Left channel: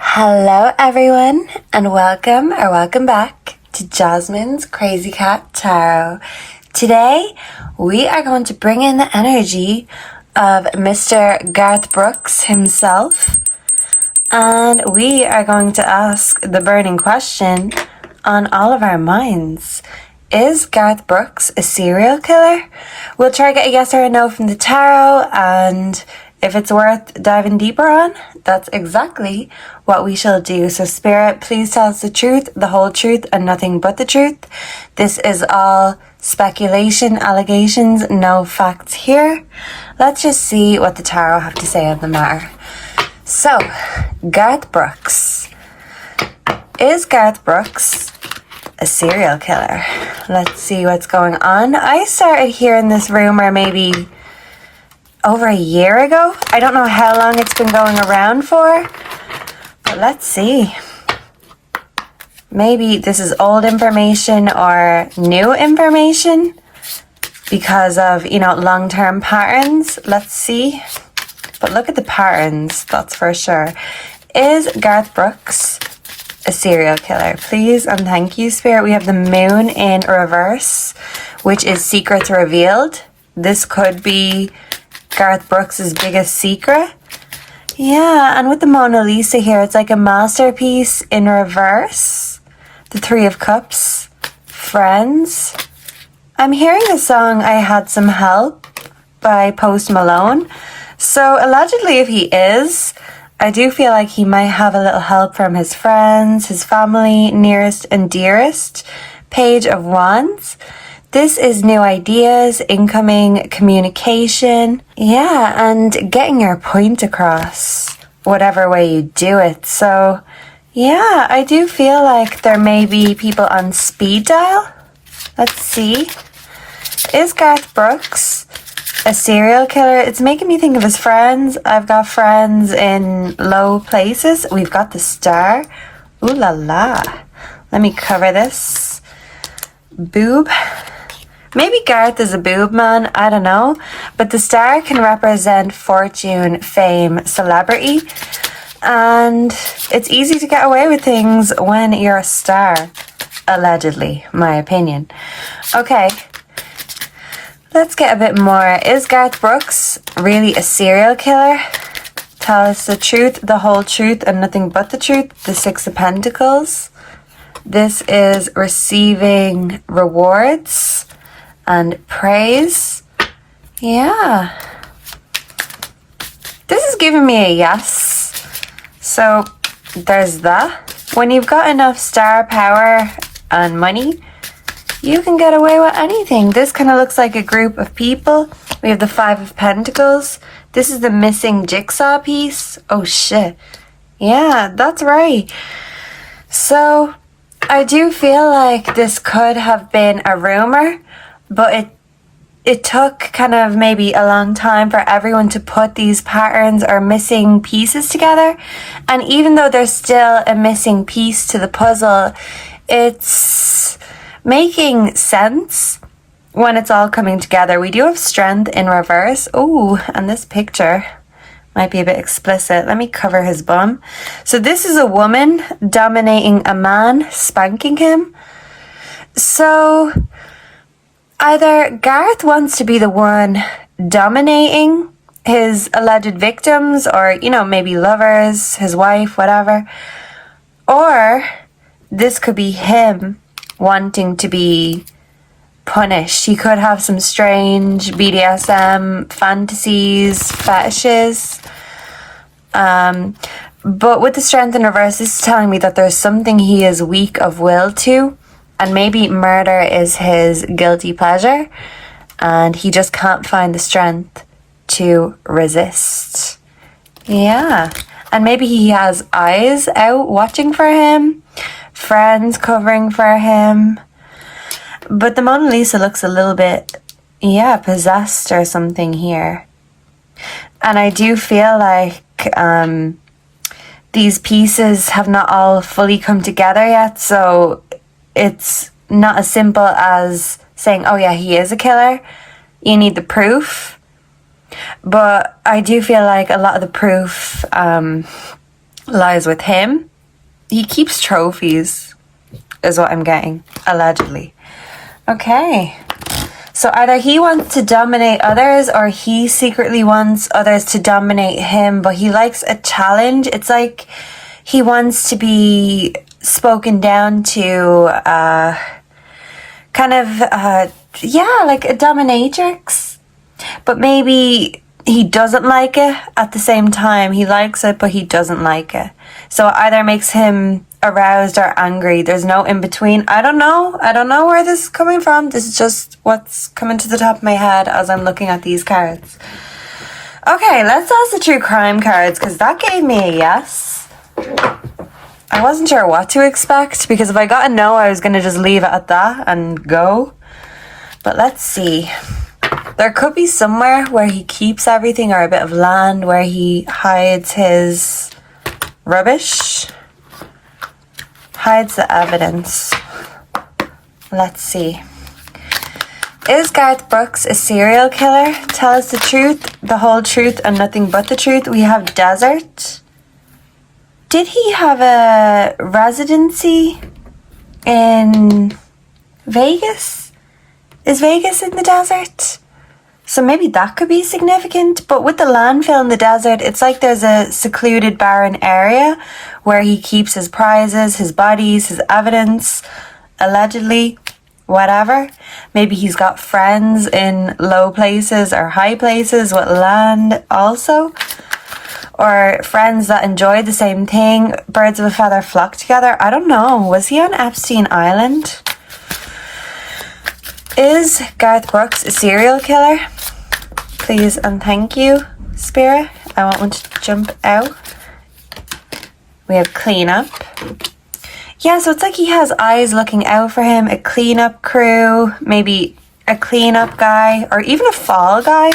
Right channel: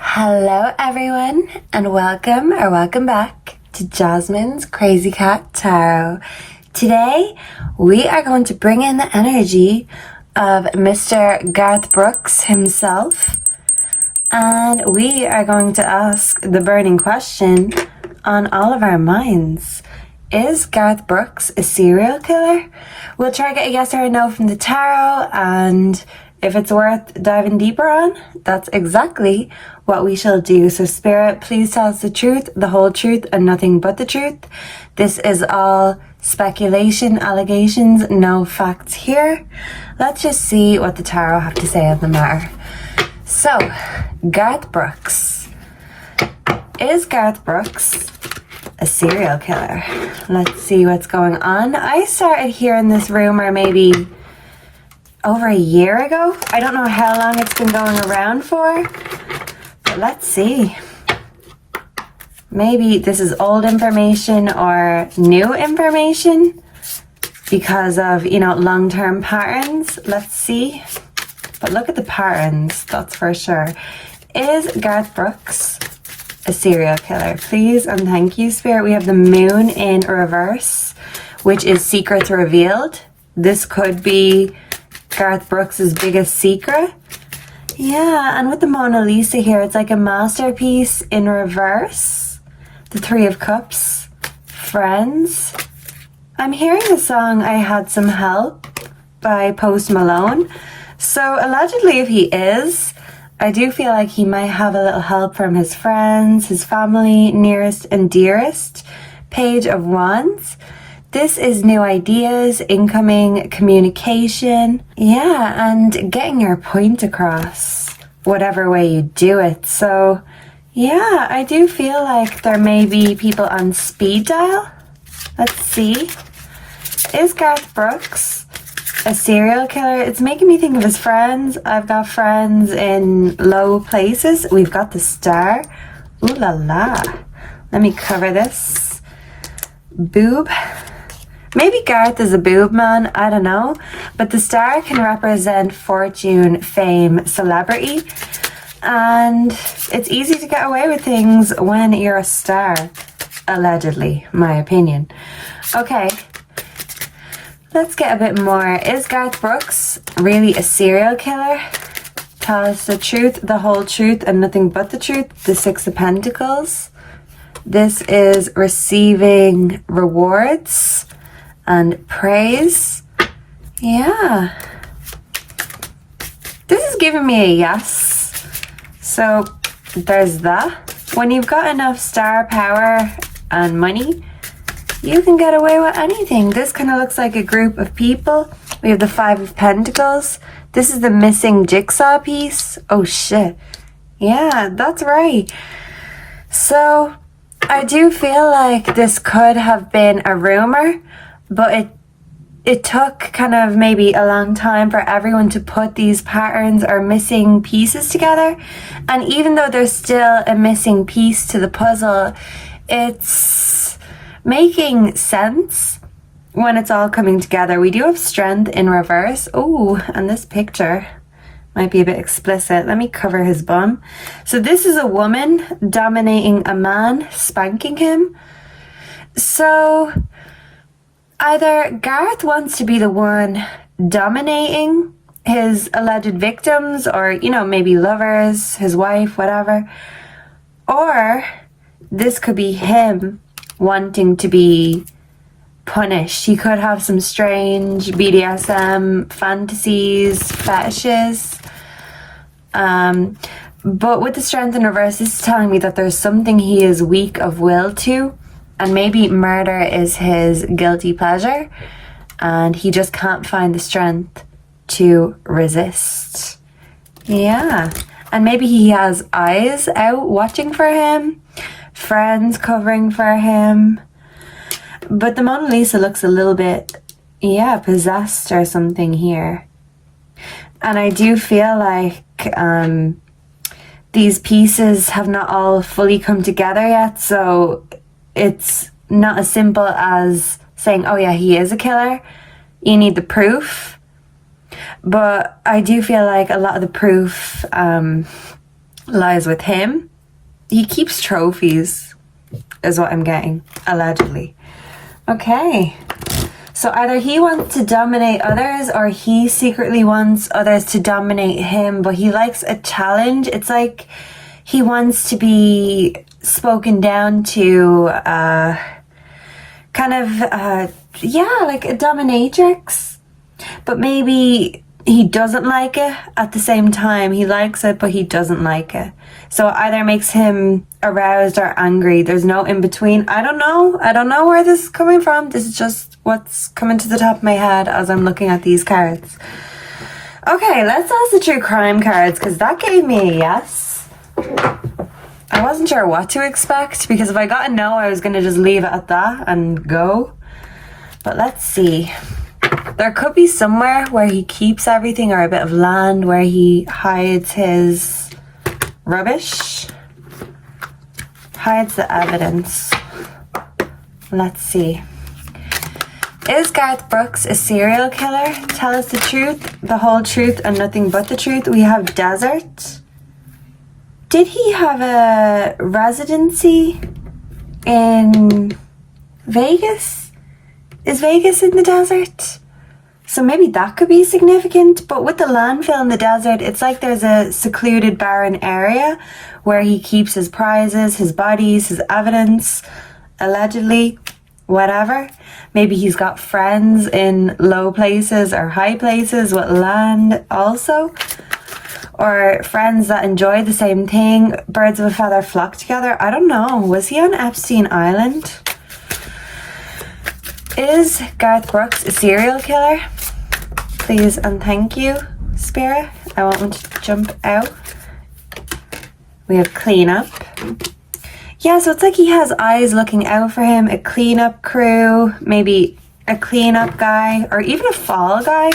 Hello everyone and welcome back to Jasmine's Crazy Cat Tarot. Today we are going to bring in the energy of Mr. Garth Brooks himself, and we are going to ask the burning question on all of our minds. Is Garth Brooks a serial killer? We'll try to get a yes or a no from the tarot, and if it's worth diving deeper on, that's exactly what we shall do. So Spirit, please tell us the truth, the whole truth, and nothing but the truth. This is all speculation, allegations, no facts here. Let's just see what the tarot have to say on the matter. So, Garth Brooks. Is Garth Brooks a serial killer? Let's see what's going on. I started hearing this rumor maybe over a year ago. I don't know how long it's been going around for, but let's see. Maybe this is old information or new information because of, long-term patterns. Let's see. But look at the patterns, that's for sure. Is Garth Brooks a serial killer? Please and thank you, Spirit. We have the moon in reverse, which is secrets revealed. This could be Garth Brooks' biggest secret. Yeah, and with the Mona Lisa here, it's like a masterpiece in reverse. The Three of Cups. Friends. I'm hearing the song I Had Some Help by Post Malone. So allegedly, if he is, I do feel like he might have a little help from his friends, his family, nearest and dearest. Page of Wands. This is new ideas, incoming communication. Yeah, and getting your point across, whatever way you do it. So, yeah, I do feel like there may be people on speed dial. Let's see. Is Garth Brooks a serial killer? It's making me think of his friends. I've got friends in low places. We've got the Star. Ooh la la. Let me cover this. Boob. Maybe Garth is a boob man, I don't know. But the Star can represent fortune, fame, celebrity. And it's easy to get away with things when you're a star. Allegedly, my opinion. Okay. Let's get a bit more. Is Garth Brooks really a serial killer? Tell us the truth, the whole truth, and nothing but the truth. The Six of Pentacles. This is receiving rewards and praise. Yeah. This is giving me a yes. So there's that. When you've got enough star power and money, you can get away with anything. This kind of looks like a group of people. We have the Five of Pentacles. This is the missing jigsaw piece. Oh shit. Yeah, that's right. So I do feel like this could have been a rumor, but it took kind of maybe a long time for everyone to put these patterns or missing pieces together. And even though there's still a missing piece to the puzzle, it's making sense when it's all coming together. We do have Strength in reverse. Ooh, and this picture might be a bit explicit. Let me cover his bum. So this is a woman dominating a man, spanking him. So either Garth wants to be the one dominating his alleged victims or, maybe lovers, his wife, whatever. Or this could be him wanting to be punished. He could have some strange BDSM fantasies, fetishes. But with the Strength in reverse, this is telling me that there's something he is weak of will to. And maybe murder is his guilty pleasure, and he just can't find the strength to resist. Yeah. And maybe he has eyes out watching for him, friends covering for him. But the Mona Lisa looks a little bit, possessed or something here. And I do feel like these pieces have not all fully come together yet, so it's not as simple as saying, oh yeah, he is a killer. You need the proof. But I do feel like a lot of the proof lies with him. He keeps trophies, is what I'm getting, allegedly. Okay. So either he wants to dominate others or he secretly wants others to dominate him, but he likes a challenge. It's like he wants to be spoken down to, kind of, like a dominatrix. But maybe he doesn't like it at the same time. He likes it, but he doesn't like it. So it either makes him aroused or angry. There's no in between. I don't know where this is coming from. This is just what's coming to the top of my head as I'm looking at these cards. Okay, let's ask the true crime cards, because that gave me a yes. I wasn't sure what to expect, because if I got a no, I was going to just leave it at that and go. But let's see. There could be somewhere where he keeps everything, or a bit of land where he hides his rubbish. Hides the evidence. Let's see. Is Garth Brooks a serial killer? Tell us the truth, the whole truth, and nothing but the truth. We have desert. Did he have a residency in Vegas? Is Vegas in the desert? So maybe that could be significant. But with the landfill in the desert, it's like there's a secluded, barren area where he keeps his prizes, his bodies, his evidence, allegedly, whatever. Maybe he's got friends in low places or high places with land also. Or friends that enjoy the same thing. Birds of a feather flock together. I don't know. Was he on Epstein Island? Is Garth Brooks a serial killer? Please and thank you, Spirit. I want one to jump out. We have cleanup. Yeah, so it's like he has eyes looking out for him. A cleanup crew, maybe a cleanup guy, or even a fall guy,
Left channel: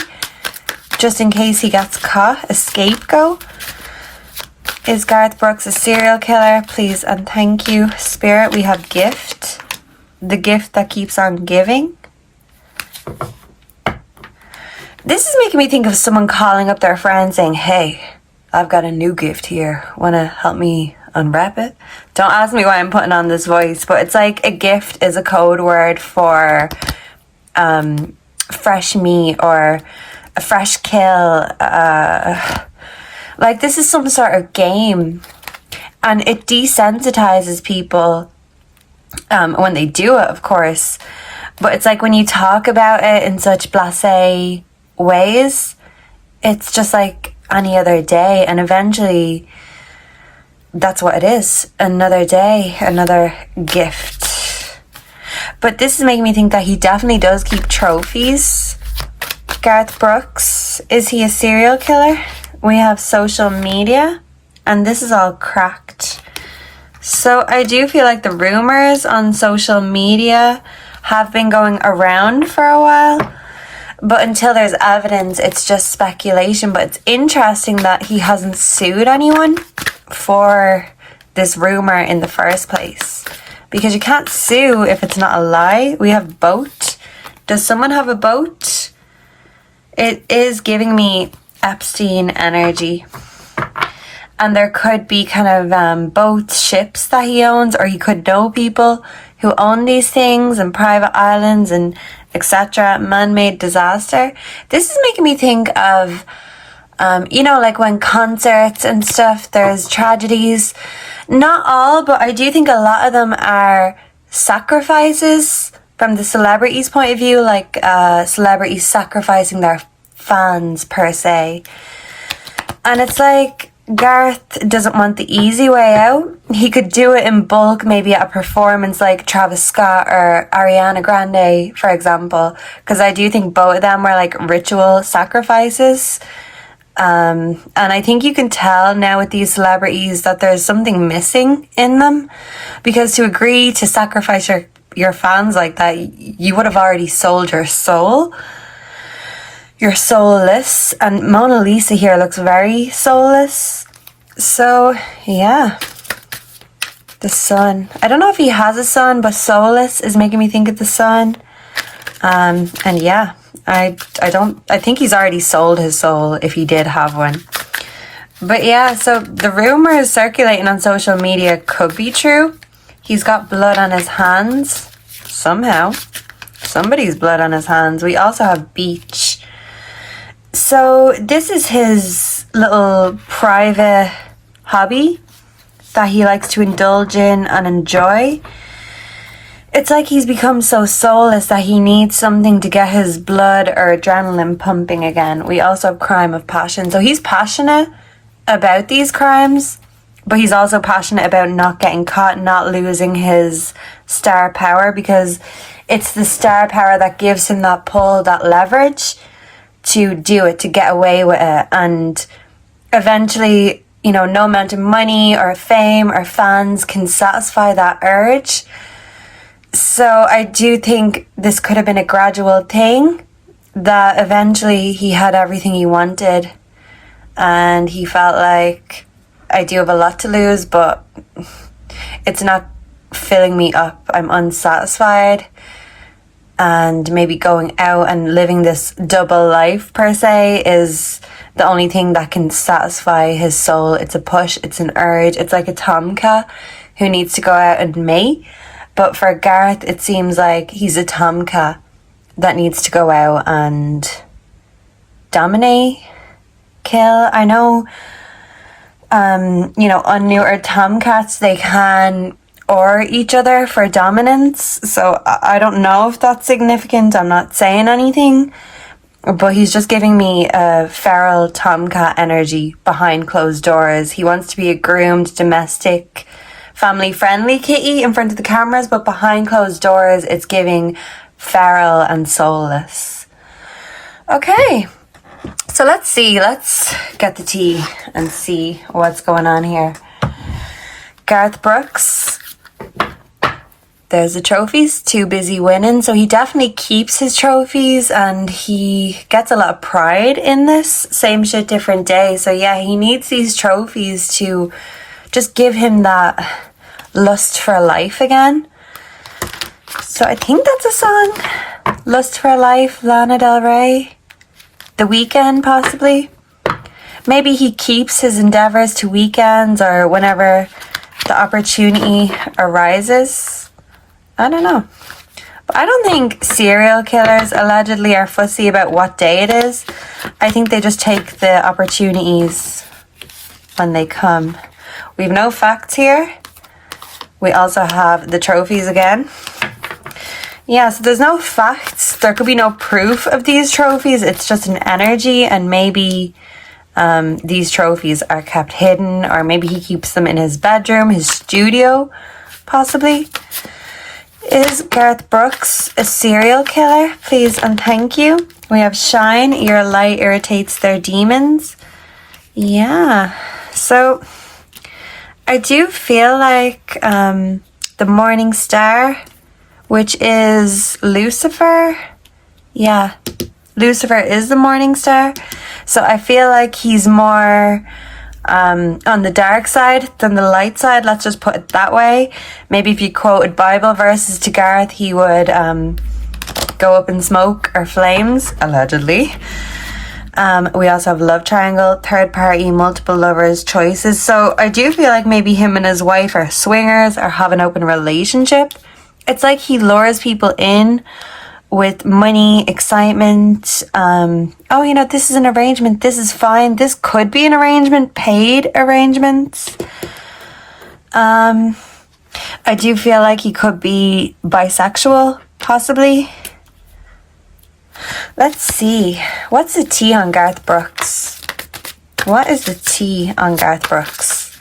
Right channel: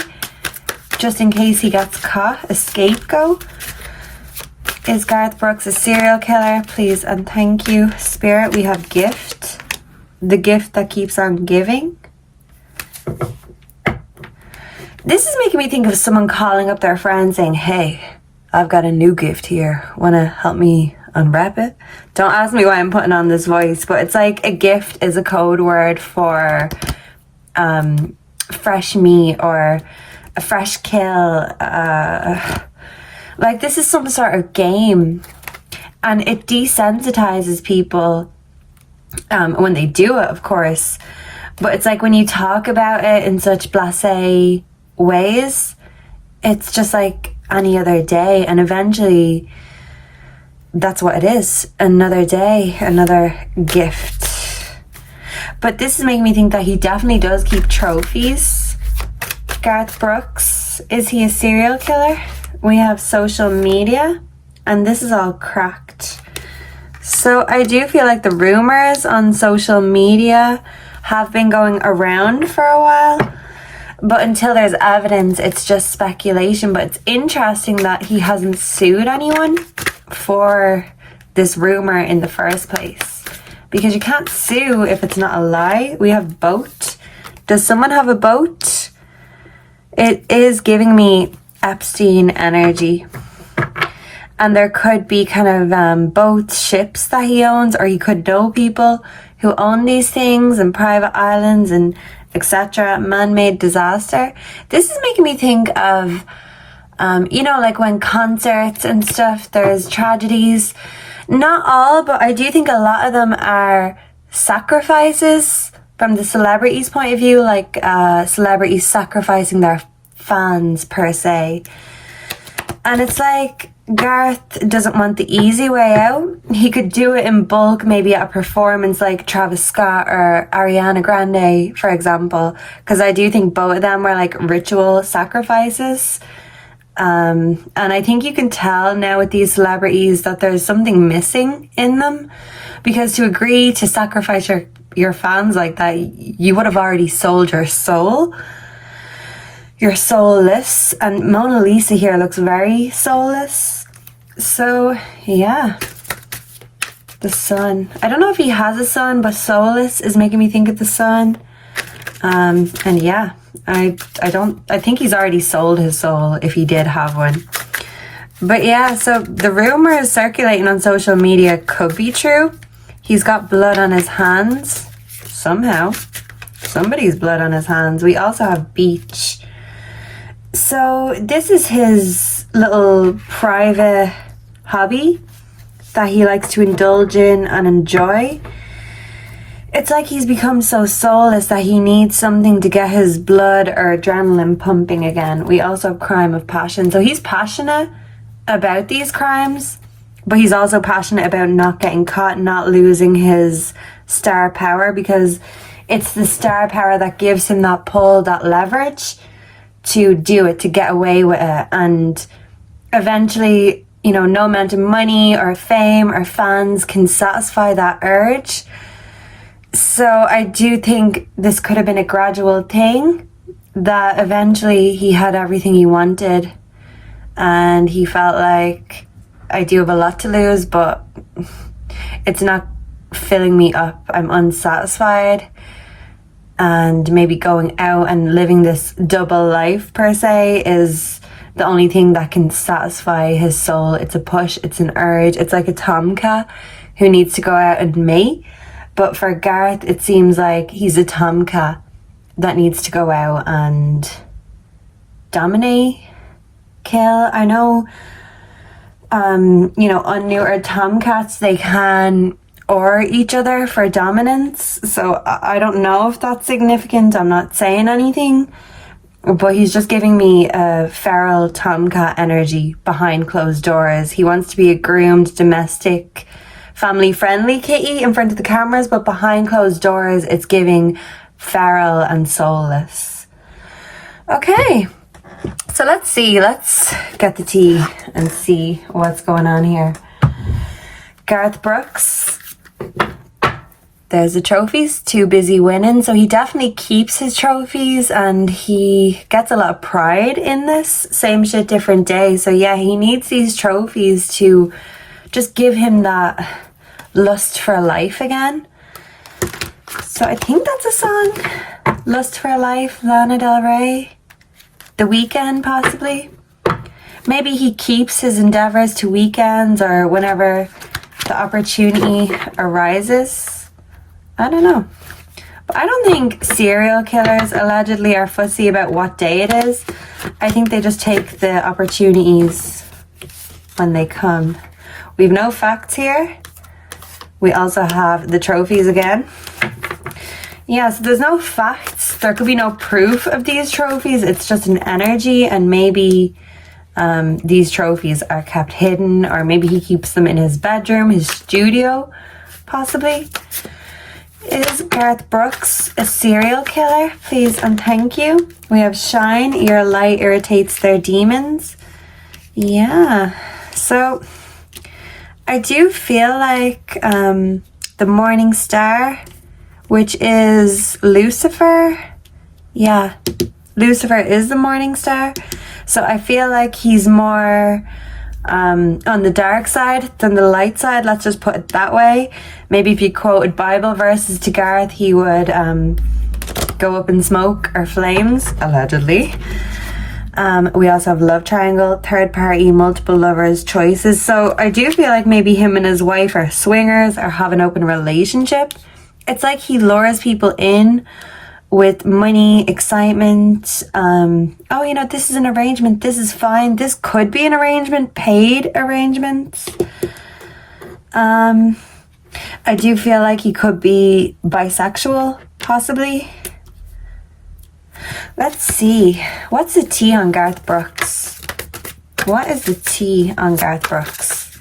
just in case he gets caught. A scapegoat. Is Garth Brooks a serial killer? Please and thank you, Spirit. We have gift. The gift that keeps on giving. This is making me think of someone calling up their friend saying, hey, I've got a new gift here. Want to help me unwrap it? Don't ask me why I'm putting on this voice, but it's like a gift is a code word for fresh meat or a fresh kill. Like this is some sort of game. And it desensitizes people when they do it, of course. But it's like when you talk about it in such blasé ways, it's just like any other day, and eventually that's what it is. Another day, another gift. But this is making me think that he definitely does keep trophies. Garth Brooks, is he a serial killer? We have social media, and this is all cracked. So I do feel like the rumors on social media have been going around for a while. But until there's evidence, it's just speculation. But it's interesting that he hasn't sued anyone for this rumor in the first place. Because you can't sue if it's not a lie. We have boat. Does someone have a boat? It is giving me Epstein energy. And there could be kind of both ships that he owns, or he could know people who own these things and private islands and etc. Man-made disaster. This is making me think of, like when concerts and stuff, there's tragedies. Not all, but I do think a lot of them are sacrifices from the celebrity's point of view, like celebrities sacrificing their fans per se. And it's like Garth doesn't want the easy way out. He could do it in bulk, maybe at a performance like Travis Scott or Ariana Grande, for example, because I do think both of them were like ritual sacrifices. And I think you can tell now with these celebrities that there's something missing in them, because to agree to sacrifice your fans like that, you would have already sold your soul. You're soulless, and Mona Lisa here looks very soulless. So, yeah. The sun. I don't know if he has a son, but soulless is making me think of the sun. And yeah, I think he's already sold his soul if he did have one. But yeah, so the rumors circulating on social media could be true. He's got blood on his hands. Somehow. Somebody's blood on his hands. We also have beach. So this is his little private hobby that he likes to indulge in and enjoy. It's like he's become so soulless that he needs something to get his blood or adrenaline pumping again. We also have crime of passion. So he's passionate about these crimes, but he's also passionate about not getting caught, not losing his star power, because it's the star power that gives him that pull, that leverage to do it, to get away with it. And eventually, you know, no amount of money or fame or fans can satisfy that urge. So I do think this could have been a gradual thing, that eventually he had everything he wanted and he felt like, I do have a lot to lose, but it's not filling me up. I'm unsatisfied, and maybe going out and living this double life per se is the only thing that can satisfy his soul. It's a push, it's an urge, it's like a tomcat who needs to go out and mate. But for Garth, it seems like he's a tomcat that needs to go out and dominate, kill. I know, unneutered tomcats, they can or each other for dominance. So I don't know if that's significant. I'm not saying anything. But he's just giving me a feral tomcat energy behind closed doors. He wants to be a groomed, domestic, family-friendly kitty in front of the cameras, but behind closed doors, it's giving feral and soulless. Okay, so let's see. Let's get the tea and see what's going on here. Garth Brooks. There's the trophies, too busy winning. So he definitely keeps his trophies and he gets a lot of pride in this. Same shit, different day. So yeah, he needs these trophies to just give him that lust for life again. So I think that's a song. Lust for Life, Lana Del Rey. The Weeknd, possibly. Maybe he keeps his endeavors to weekends or whenever the opportunity arises. I don't know. But I don't think serial killers allegedly are fussy about what day it is. I think they just take the opportunities when they come. We have no facts here. We also have the trophies again. Yeah, so there's no facts. There could be no proof of these trophies. It's just an energy, and maybe these trophies are kept hidden, or maybe he keeps them in his bedroom, his studio, possibly. Is Garth Brooks a serial killer? Please and thank you. We have Shine. Your light irritates their demons. Yeah. So I do feel like the morning star, which is Lucifer. Yeah. Lucifer is the morning star. So I feel like he's more on the dark side than the light side. Let's just put it that way. Maybe if you quoted Bible verses to Garth, he would go up in smoke or flames, allegedly. We also have love triangle, third party, multiple lovers, choices. So I do feel like maybe him and his wife are swingers or have an open relationship. It's like he lures people in with money, excitement. This is an arrangement. This is fine. This could be an arrangement, paid arrangements. I do feel like he could be bisexual, possibly. Let's see. What's the tea on Garth Brooks? What is the tea on Garth Brooks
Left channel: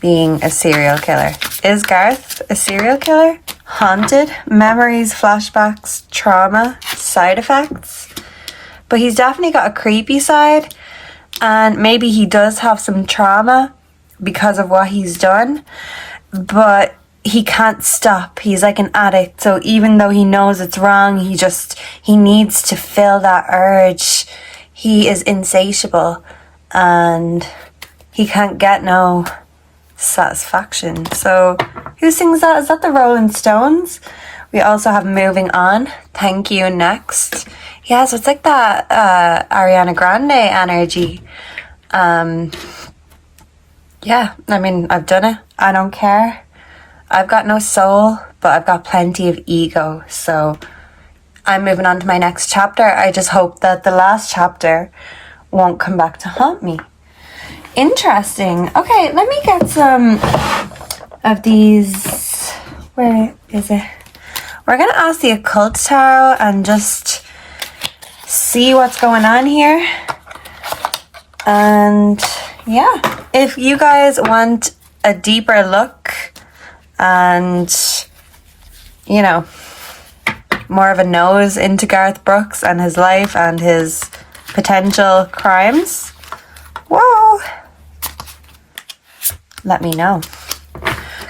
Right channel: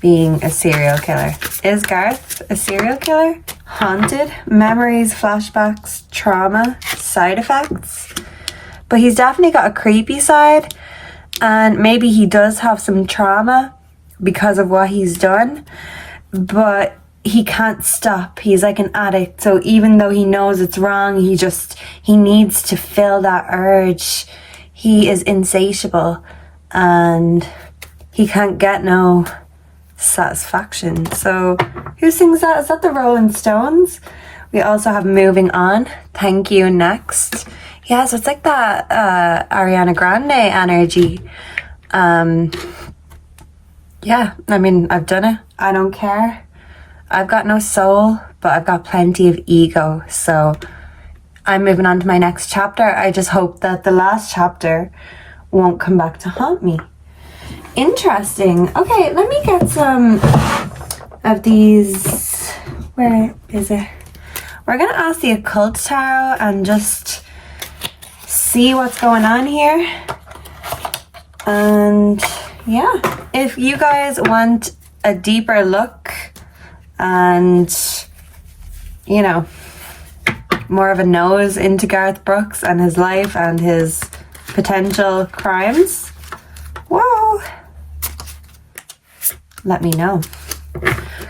being a serial killer? Is Garth a serial killer? Haunted, memories, flashbacks, trauma, side effects. But he's definitely got a creepy side, and maybe he does have some trauma because of what he's done, but he can't stop. He's like an addict. So even though he knows it's wrong, he needs to fill that urge. He is insatiable and he can't get no satisfaction. So who sings that? Is that the Rolling Stones? We also have Moving On, Thank You Next. Yeah, so it's like that Ariana Grande energy. Yeah, I mean, I've done it. I don't care. I've got no soul, but I've got plenty of ego. So I'm moving on to my next chapter. I just hope that the last chapter won't come back to haunt me. Interesting. Okay, let me get some of these. Where is it? We're going to ask the Occult Tarot and just see what's going on here. And yeah, if you guys want a deeper look and, you know, more of a nose into Garth Brooks and his life and his potential crimes, whoa, let me know.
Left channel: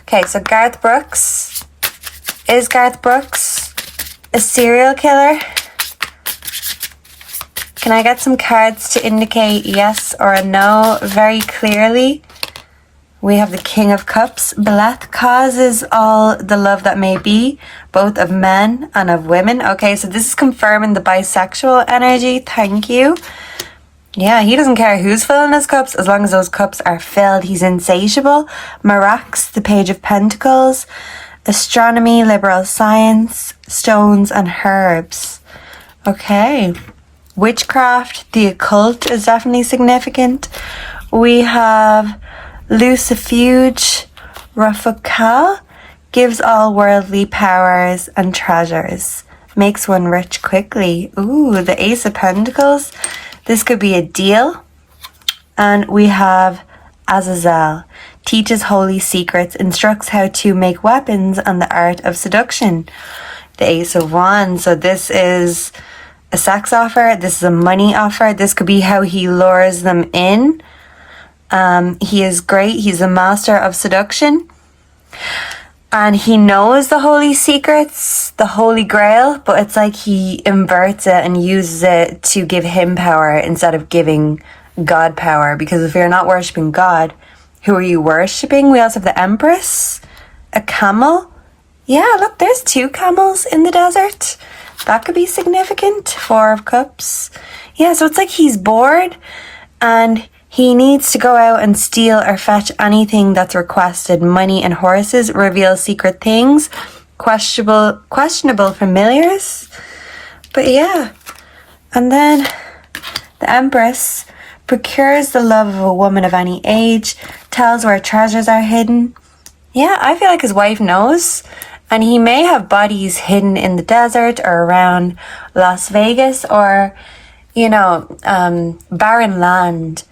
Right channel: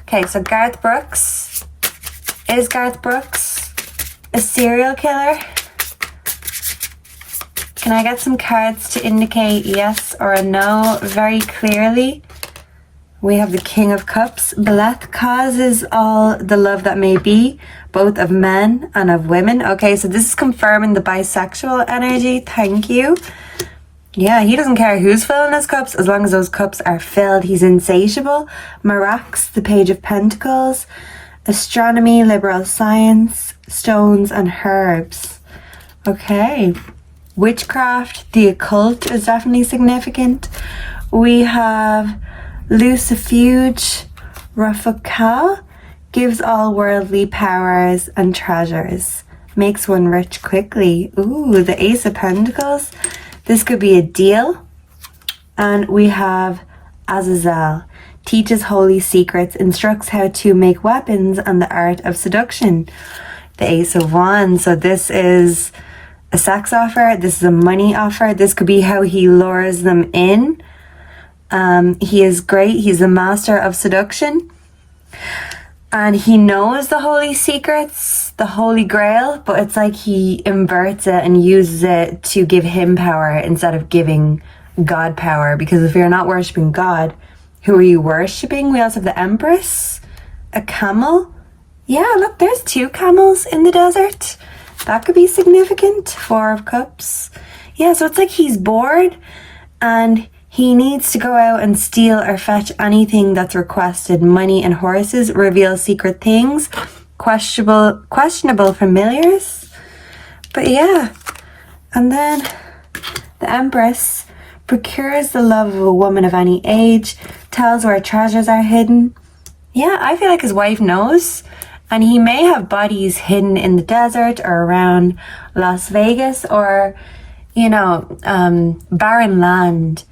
Okay, so Garth Brooks. Is Garth Brooks a serial killer? Can I get some cards to indicate yes or a no very clearly? We have the King of Cups. Beleth causes all the love that may be, both of men and of women. Okay, so this is confirming the bisexual energy. Thank you. Yeah, he doesn't care who's filling his cups as long as those cups are filled. He's insatiable. Marax, the Page of Pentacles. Astronomy, liberal science, stones and herbs. Okay. Witchcraft, the occult is definitely significant. We have Lucifuge, Rafakal, gives all worldly powers and treasures, makes one rich quickly. Ooh, the Ace of Pentacles. This could be a deal. And we have Azazel, teaches holy secrets, instructs how to make weapons and the art of seduction. The Ace of Wands. So this is a sex offer. This is a money offer. This could be how he lures them in. He is great. He's a master of seduction. And he knows the holy secrets, the holy grail, but it's like he inverts it and uses it to give him power instead of giving God power. Because if you're not worshipping God, who are you worshipping? We also have the Empress, a camel. Yeah, look, there's 2 camels in the desert. That could be significant. 4 of Cups. Yeah, so it's like he's bored and he needs to go out and steal or fetch anything that's requested. Money and horses, reveal secret things, questionable familiars. But yeah, and then the Empress procures the love of a woman of any age, tells where treasures are hidden. Yeah, I feel like his wife knows. And he may have bodies hidden in the desert or around Las Vegas or, you know, barren land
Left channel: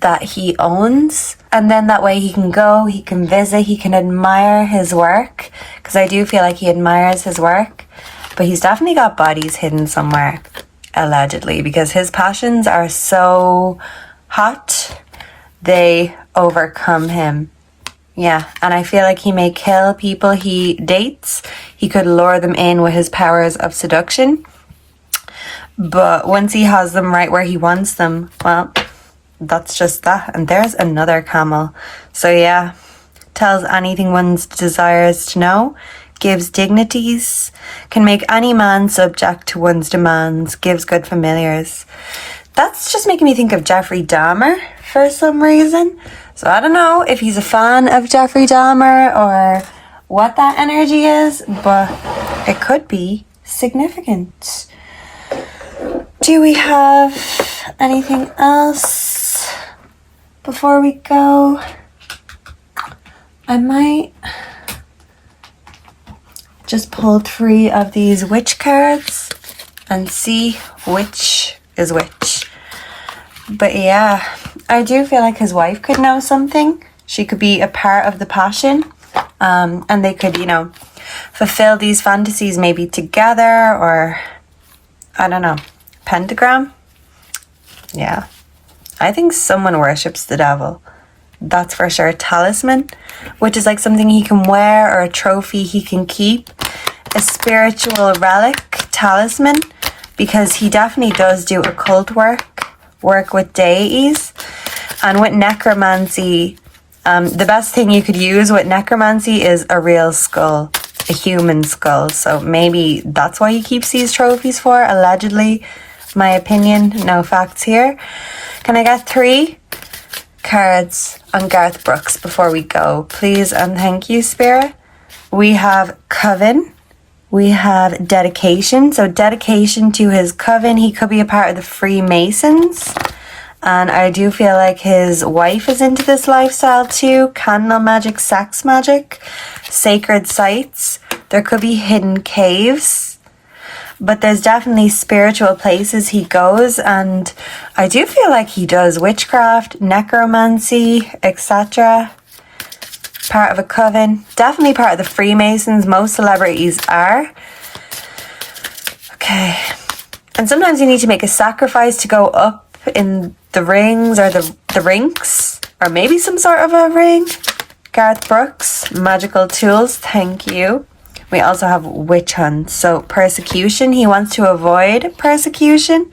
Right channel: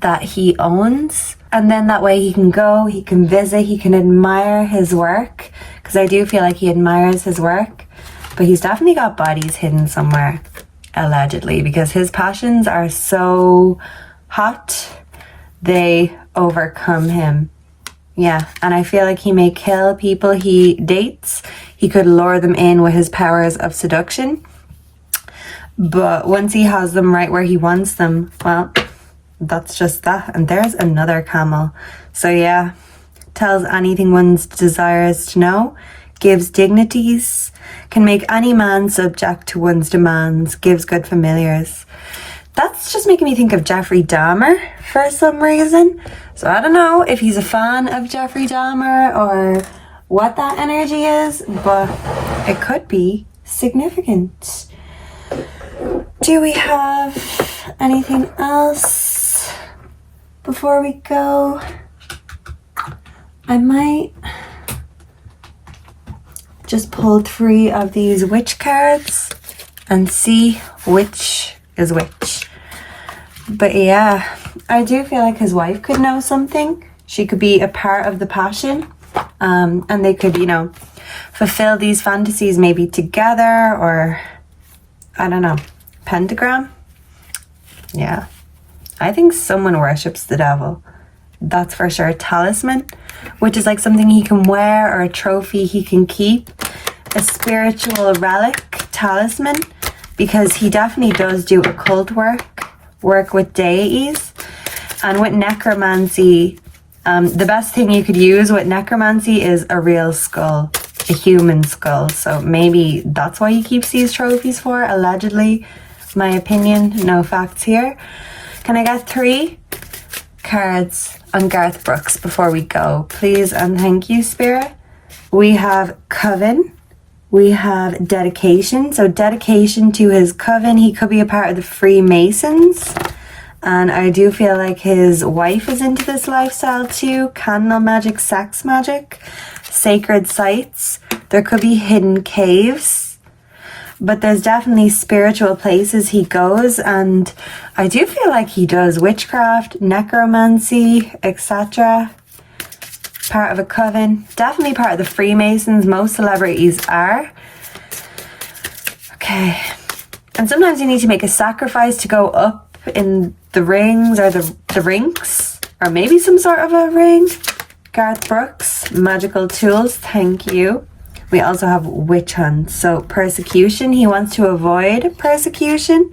that he owns. And then that way he can go, he can visit, he can admire his work. Because I do feel like he admires his work. But he's definitely got bodies hidden somewhere, allegedly. Because his passions are so hot, they overcome him. Yeah, and I feel like he may kill people he dates. He could lure them in with his powers of seduction. But once he has them right where he wants them, well, that's just that. And there's another camel. So yeah, tells anything one desires to know, gives dignities, can make any man subject to one's demands, gives good familiars. That's just making me think of Jeffrey Dahmer for some reason. So I don't know if he's a fan of Jeffrey Dahmer or what that energy is, but it could be significant. Do we have anything else before we go? I might just pull 3 of these witch cards and see which is which. But yeah, I do feel like his wife could know something. She could be a part of the passion. And they could, you know, fulfill these fantasies maybe together or, I don't know, pentagram. Yeah. I think someone worships the devil. That's for sure. Talisman, which is like something he can wear or a trophy he can keep. A spiritual relic, talisman, because he definitely does do occult work with deities. And with necromancy, the best thing you could use with necromancy is a real skull, a human skull. So maybe that's why he keeps these trophies for, allegedly. My opinion, no facts here. Can I get 3 cards on Garth Brooks before we go, please and thank you, Spirit. We have Coven. We have dedication. So dedication to his coven. He could be a part of the Freemasons. And I do feel like his wife is into this lifestyle too. Candle magic, sex magic, sacred sites. There could be hidden caves. But there's definitely spiritual places he goes. And I do feel like he does witchcraft, necromancy, etc. Part of a coven. Definitely part of the Freemasons. Most celebrities are. Okay. And sometimes you need to make a sacrifice to go up in the rings or the rinks, or maybe some sort of a ring. Garth Brooks, magical tools, thank you. We also have witch hunt, so persecution. He wants to avoid persecution.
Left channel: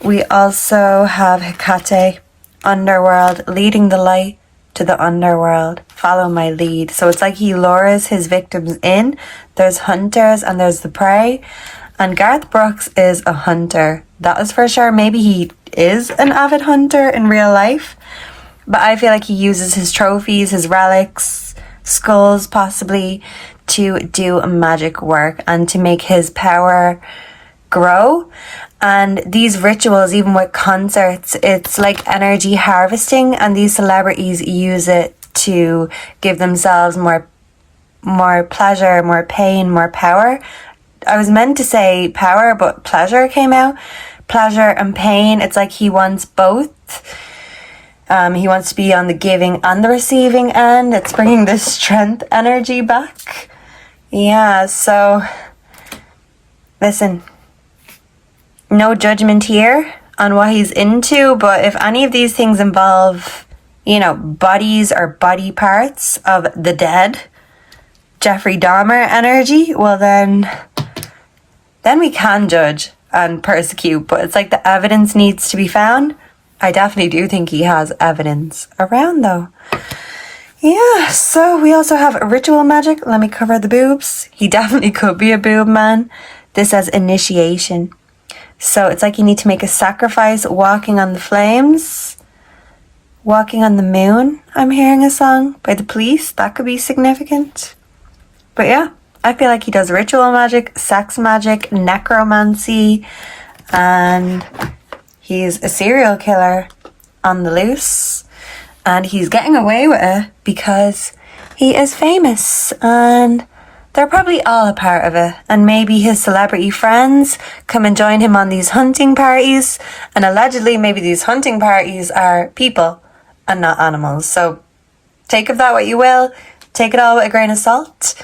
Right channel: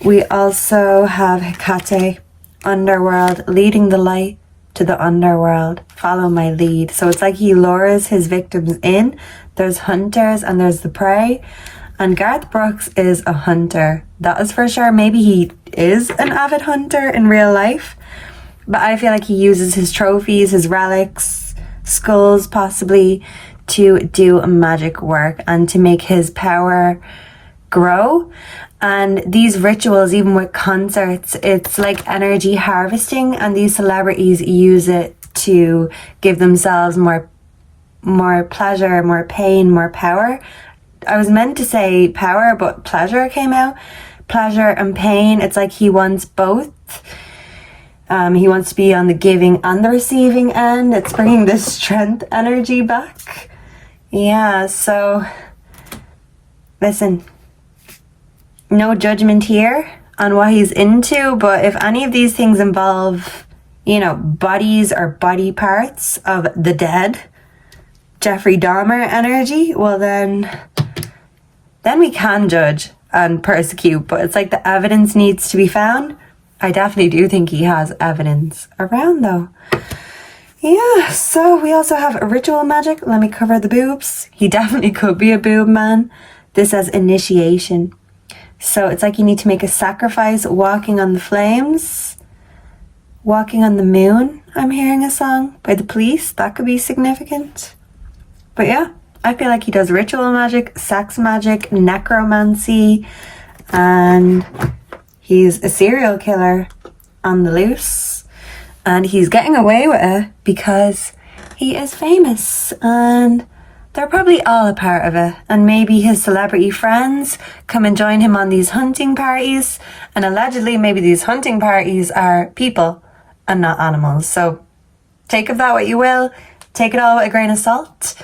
We also have Hecate, underworld, leading the light to the underworld. Follow my lead. So it's like he lures his victims in. There's hunters and there's the prey. And Garth Brooks is a hunter. That is for sure. Maybe he is an avid hunter in real life. But I feel like he uses his trophies, his relics, skulls possibly, to do magic work and to make his power grow. And these rituals, even with concerts, it's like energy harvesting. And these celebrities use it to give themselves more pleasure, more pain, more power. I was meant to say power, but pleasure came out. Pleasure and pain. It's like he wants both. He wants to be on the giving and the receiving end. It's bringing this strength energy back. Yeah, so listen, no judgment here on what he's into, but if any of these things involve, you know, bodies or body parts of the dead, Jeffrey Dahmer energy, well then we can judge and persecute, but it's like the evidence needs to be found. I definitely do think he has evidence around though. Yeah, so we also have ritual magic. Let me cover the boobs. He definitely could be a boob man. This says initiation. So it's like you need to make a sacrifice, walking on the flames, walking on the moon. I'm hearing a song by the Police. That could be significant. But yeah, I feel like he does ritual magic, sex magic, necromancy, and he's a serial killer on the loose. And he's getting away with it because he is famous and they're probably all a part of it. And maybe his celebrity friends come and join him on these hunting parties. And allegedly maybe these hunting parties are people and not animals. So take of that what you will. Take it all with a grain of salt.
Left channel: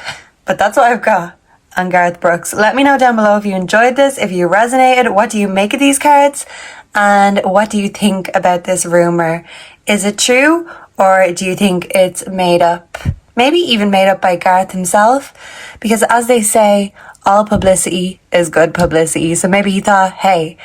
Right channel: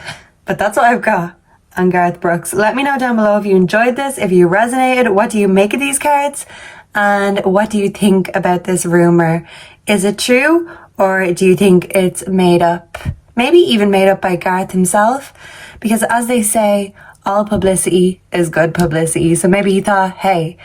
But that's what I've got on Garth Brooks. Let me know down below if you enjoyed this, if you resonated. What do you make of these cards? And what do you think about this rumor? Is it true, or do you think it's made up? Maybe even made up by Garth himself? Because as they say, all publicity is good publicity. So maybe he thought, hey,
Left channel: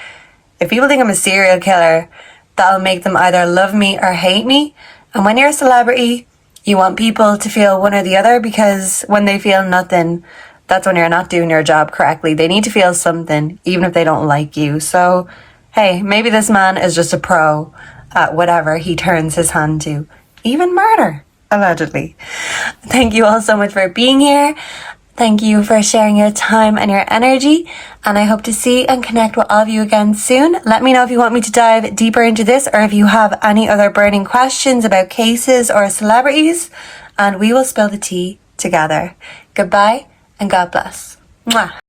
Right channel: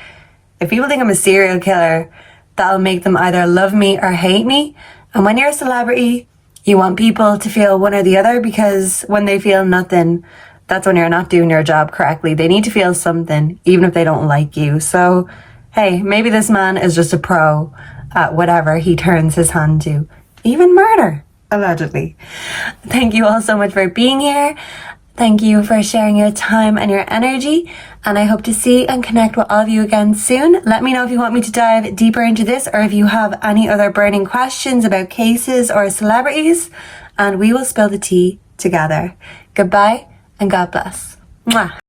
if people think I'm a serial killer, that'll make them either love me or hate me. And when you're a celebrity, you want people to feel one or the other, because when they feel nothing, that's when you're not doing your job correctly. They need to feel something, even if they don't like you. So, hey, maybe this man is just a pro at whatever he turns his hand to. Even murder, allegedly. Thank you all so much for being here. Thank you for sharing your time and your energy. And I hope to see and connect with all of you again soon. Let me know if you want me to dive deeper into this, or if you have any other burning questions about cases or celebrities, and we will spill the tea together. Goodbye and God bless. Mwah.